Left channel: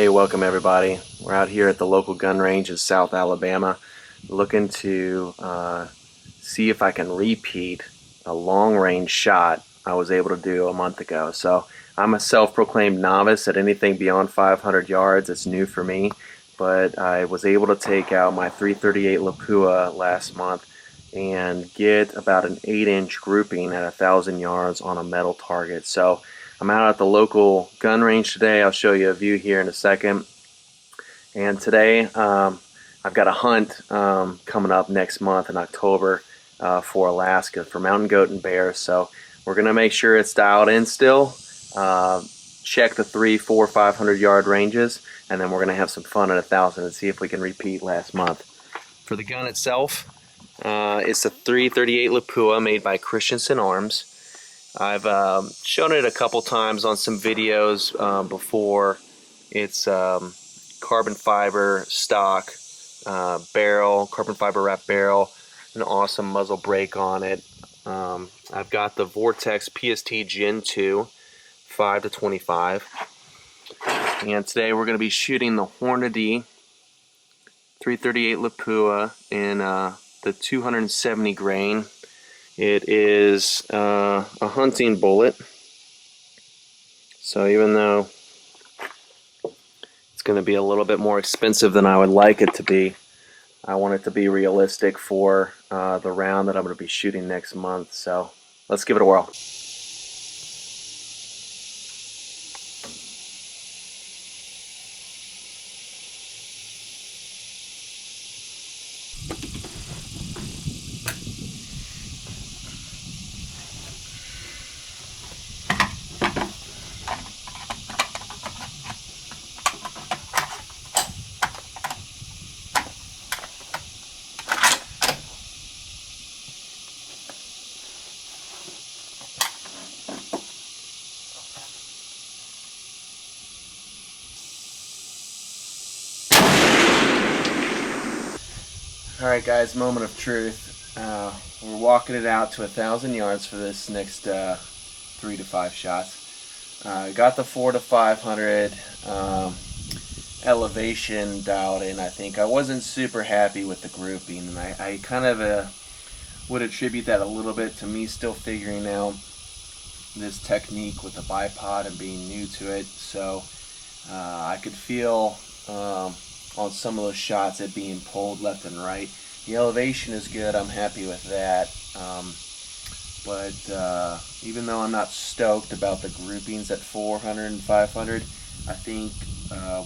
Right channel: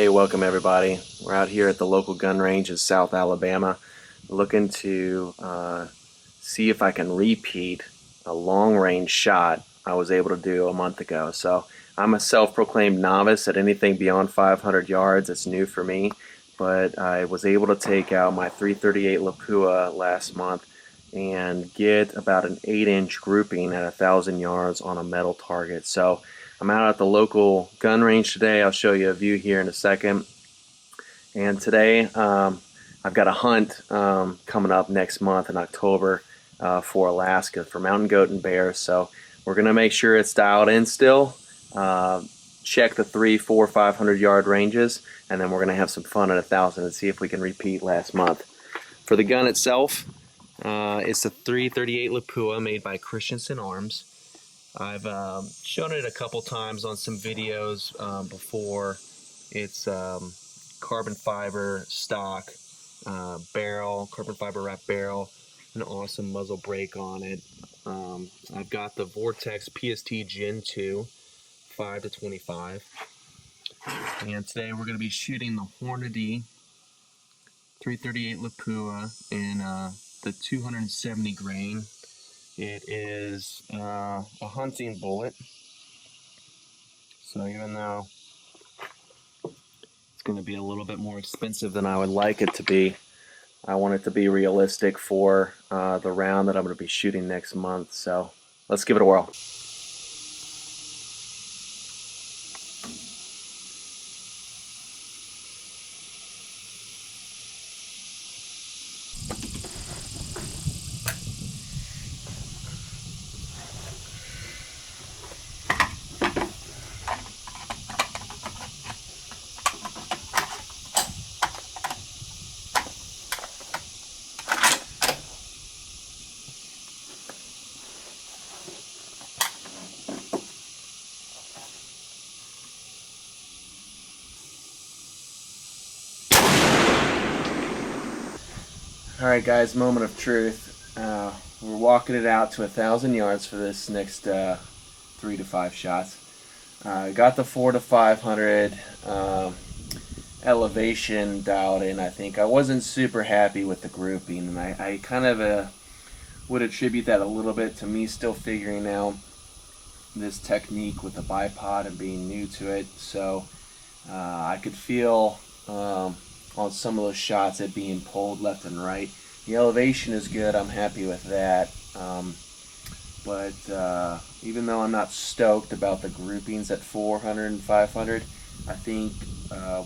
Hey, welcome everybody. We're out here at the local gun range in South Alabama looking to see if I can repeat a long range shot I was able to do a month ago. So I'm a self-proclaimed novice at anything beyond 500 yards. It's new for me, but I was able to take out my .338 Lapua last month and get about an 8-inch grouping at 1,000 yards on a metal target. So I'm out at the local gun range today. I'll show you a view here in a second. And today I've got a hunt coming up next month in October for Alaska for mountain goat and bear. So we're going to make sure it's dialed in still. Check the 300, 400, 500 yard ranges, and then we're going to have some fun at 1,000 and see if we can repeat last month. For the gun itself, it's a .338 Lapua made by Christensen Arms. I've shown it a couple times on some videos before. It's carbon fiber stock barrel, carbon fiber wrap barrel, an awesome muzzle brake on it. I've got the Vortex PST Gen 2 5-25, and today we're going to be shooting the Hornady .338 Lapua in the 270 grain. It is a hunting bullet, so even though it's going to be a little bit more expensive than I would like it to be, I want it to be realistic for the round that I'm going to be shooting next month. So let's give it a whirl. Alright guys, moment of truth. We're walking it out to 1,000 yards for this next 3 to 5 shots. Got the 400 to 500 elevation dialed in. I think I wasn't super happy with the grouping, and I kind of would attribute that a little bit to me still figuring out this technique with the bipod and being new to it. So I could feel on some of those shots it being pulled left and right. The elevation is good, I'm happy with that, but even though I'm not stoked about the groupings at 400 and 500, I think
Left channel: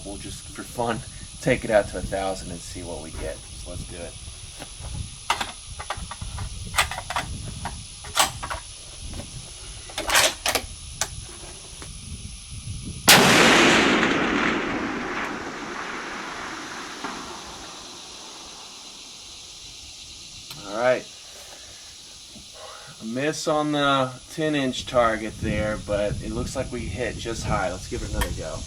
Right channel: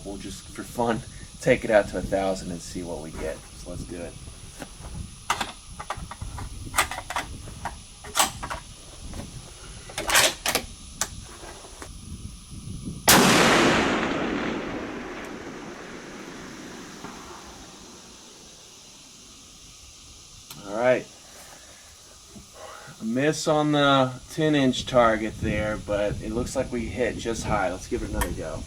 we'll just for fun take it out to 1,000 and see what we get. So let's do it. Alright, a miss on the 10-inch target there, but it looks like we hit just high. Let's give it another go.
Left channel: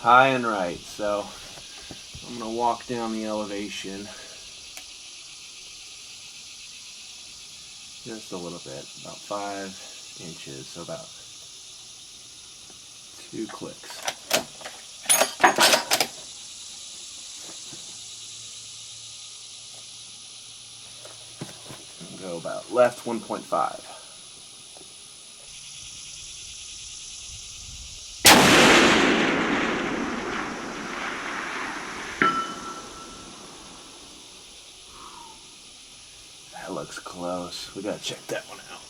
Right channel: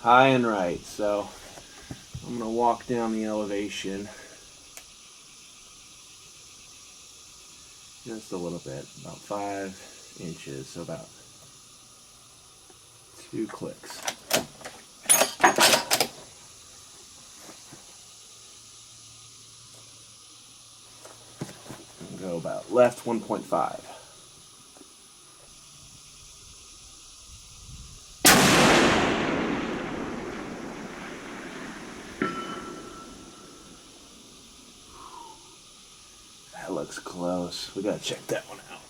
High and right, so I'm going to walk down the elevation just a little bit, about 5 inches, so about 2 clicks. And go about left 1.5. That looks close. We gotta check that one out.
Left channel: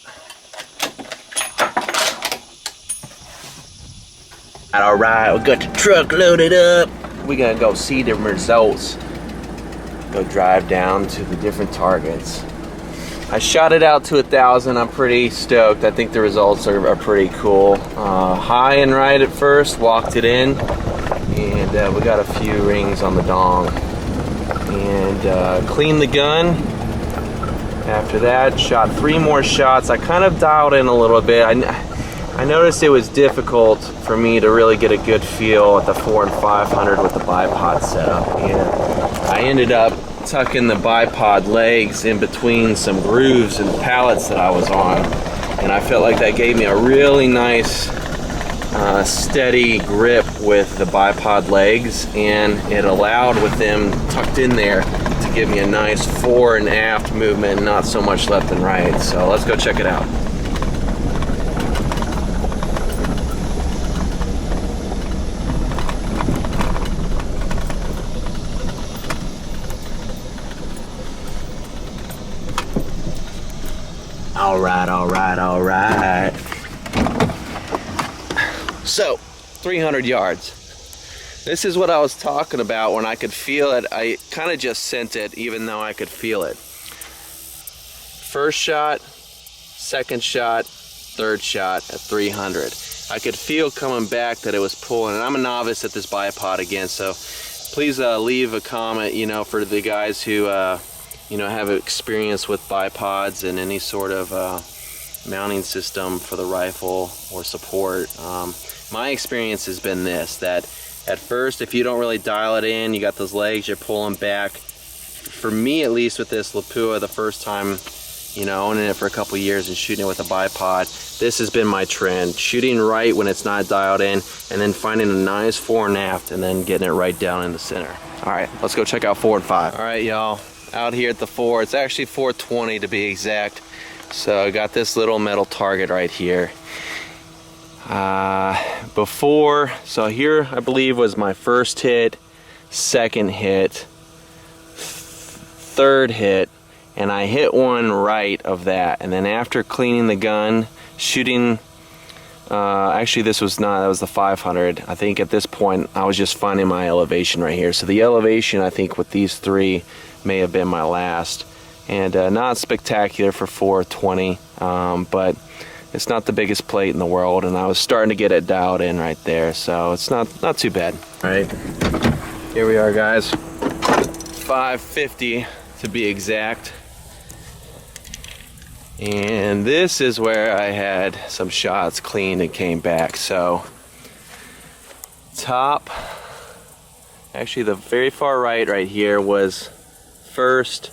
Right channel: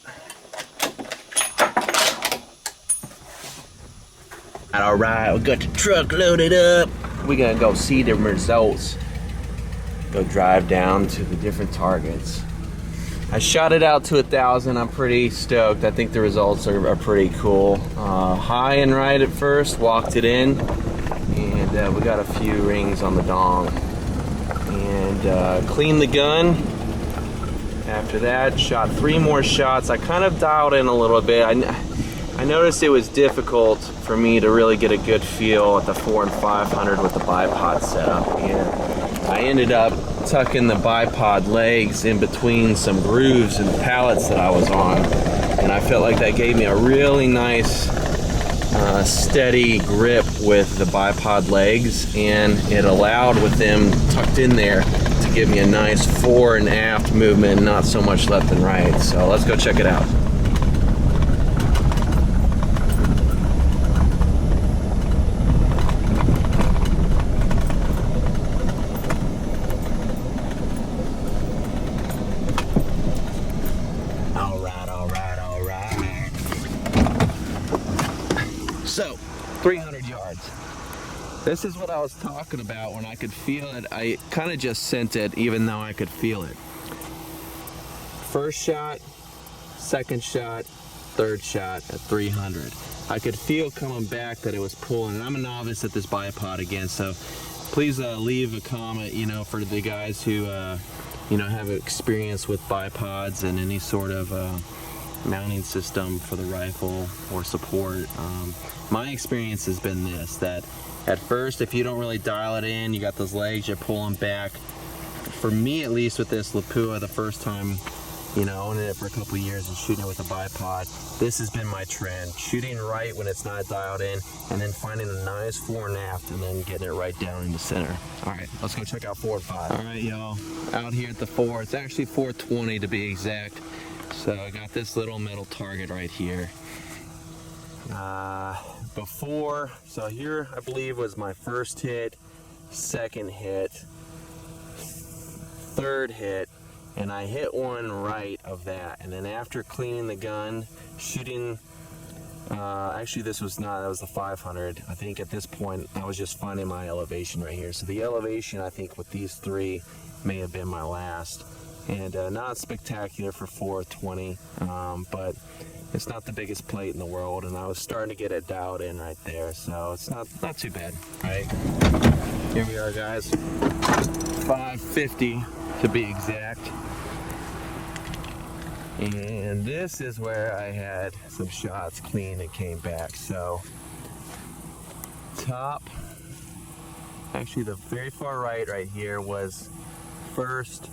Alright, we got the truck loaded up. We're gonna go see the results. Go drive down to the different targets. I shot it out to 1,000. I'm pretty stoked. I think the results are pretty cool. High and right at first, walked it in, and we got a few rings on the dong. And cleaned the gun. After that, shot 3 more shots. I kind of dialed in a little bit. I I noticed it was difficult for me to really get a good feel at the 4 and 500 with the bipod setup, and I ended up tucking the bipod legs in between some grooves and pallets that I was on, and I felt like that gave me a really nice steady grip with the bipod legs, and it allowed, with them tucked in there, to give me a nice fore and aft movement, not so much left and right. So let's go check it out. All right. So, 300 yards. This is what I was talking about when I could feel it. I kind of just sent it even though I could feel it. First shot, second shot, third shot at 300. I could feel coming back that it was pulling, and I'm a novice at this bipod again, so please leave a comment, you know, for the guys who you know, have experience with bipods and any sort of mounting system for the rifle or support. My experience has been this, that at first, if you don't really dial it in, you got those legs, you're pulling back. For me, at least with this Lapua, the first time, you know, owning it for a couple years and shooting it with a bipod, this has been my trend. Shooting right when it's not dialed in, and then finding a nice fore and aft, and then getting it right down in the center. All right, let's go check out 4 and 5. All right, y'all, out here at the 4, it's actually 420 to be exact. So I got this little metal target right here. So here I believe was my first hit, second hit, third hit, and I hit one right of that. And then after cleaning the gun, shooting, actually this was not, that was the 500. I think at this point I was just finding my elevation right here. So the elevation, I think with these 3 may have been my last. And not spectacular for 420, but it's not the biggest plate in the world, and I was starting to get it dialed in right there, so it's not too bad. All right, here we are, guys. 550 to be exact. And this is where I had some shots cleaned and came back. So top, actually the very far right here was first.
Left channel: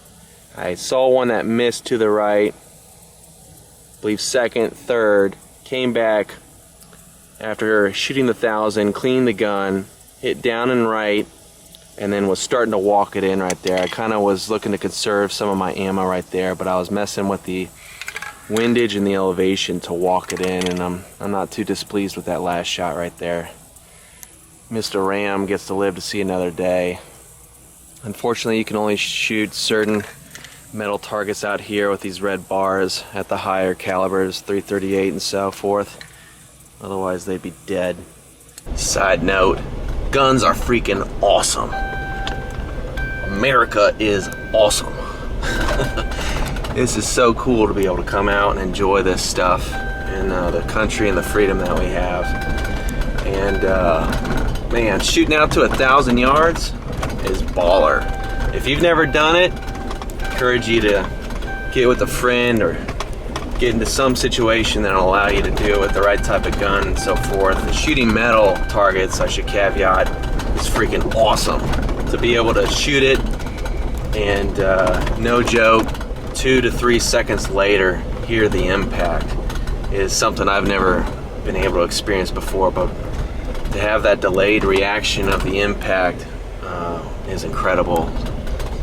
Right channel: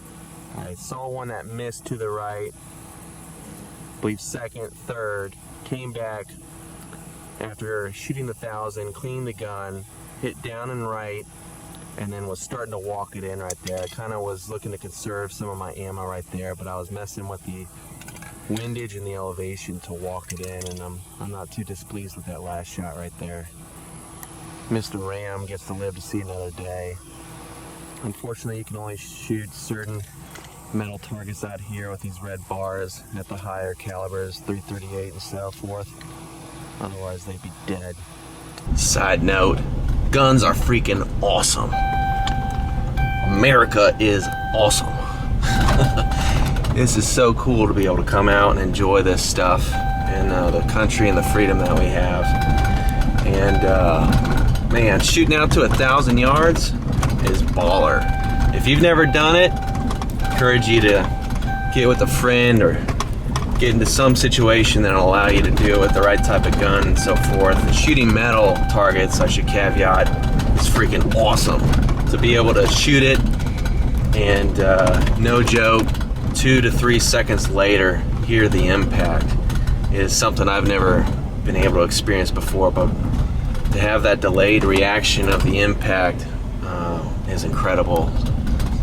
I saw one that missed to the right, I believe second, third, came back after shooting the 1,000, cleaned the gun, hit down and right, and then was starting to walk it in right there. I kind of was looking to conserve some of my ammo right there, but I was messing with the windage and the elevation to walk it in, and I'm not too displeased with that last shot right there. Mr. Ram gets to live to see another day. Unfortunately, you can only shoot certain metal targets out here with these red bars at the higher calibers, 338 and so forth. Otherwise they'd be dead. Side note, guns are freaking awesome. America is awesome. This is so cool to be able to come out and enjoy this stuff in the country and the freedom that we have. And man, shooting out to 1,000 yards is baller. If you've never done it, encourage you to get with a friend or get into some situation that'll allow you to do it with the right type of gun and so forth. And shooting metal targets, I should caveat, is freaking awesome. To be able to shoot it and no joke, 2 to 3 seconds later hear the impact is something I've never been able to experience before, but to have that delayed reaction of the impact is incredible.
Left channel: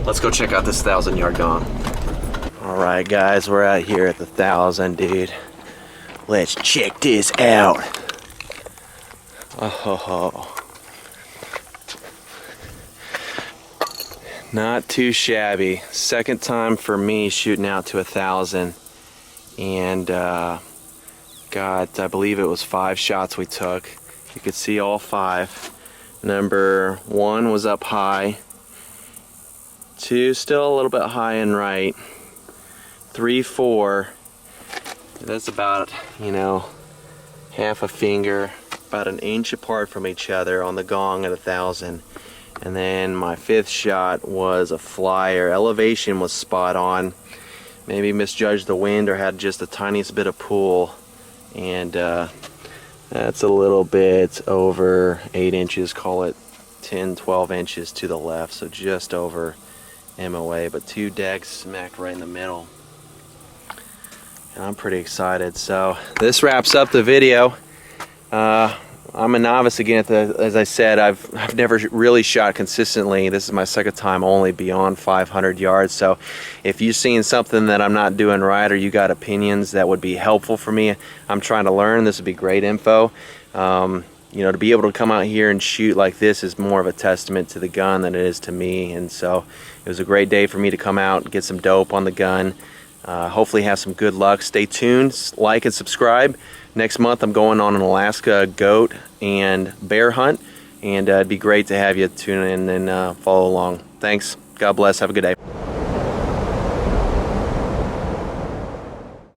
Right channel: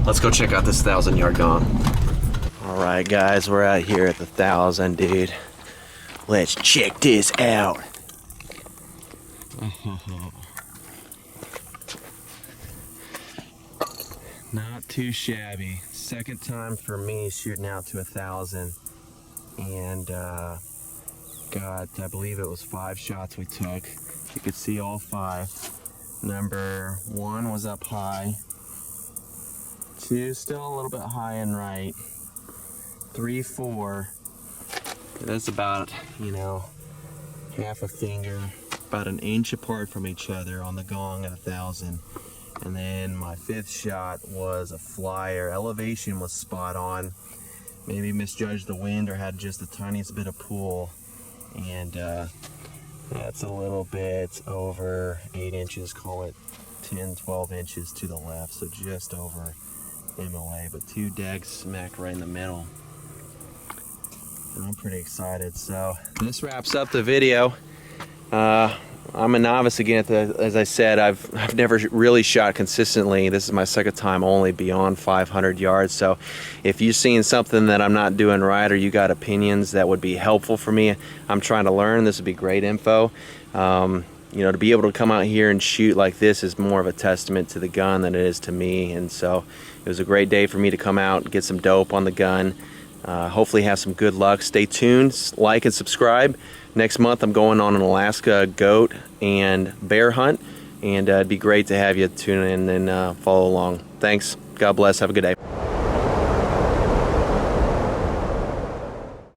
Let's go check out this 1,000-yard gun. All right, guys, we're out here at the 1,000, dude. Let's check this out. Oh, not too shabby. Second time for me shooting out to 1,000, and got, I believe it was 5 shots we took. You could see all 5. Number 1 was up high. 2 still a little bit high and right. 3, 4. That's about, you know, half a finger, about an inch apart from each other on the gong at 1,000. And then my 5th shot was a flyer. Elevation was spot on. Maybe misjudged the wind or had just the tiniest bit of pull. And That's a little bit over 8 inches, call it 10, 12 inches to the left, so just over MOA, but 2 dags smacked right in the middle. And I'm pretty excited. So this wraps up the video. I'm a novice again. As I said, I've never really shot consistently. This is my second time only beyond 500 yards. So if you're seeing something that I'm not doing right, or you got opinions that would be helpful for me, I'm trying to learn. This would be great info. You know, to be able to come out here and shoot like this is more of a testament to the gun than it is to me. And so it was a great day for me to come out and get some dope on the gun. Hopefully have some good luck. Stay tuned, like and subscribe. Next month I'm going on an Alaska goat and bear hunt, and it'd be great to have you tune in and follow along. Thanks. God bless. Have a good day.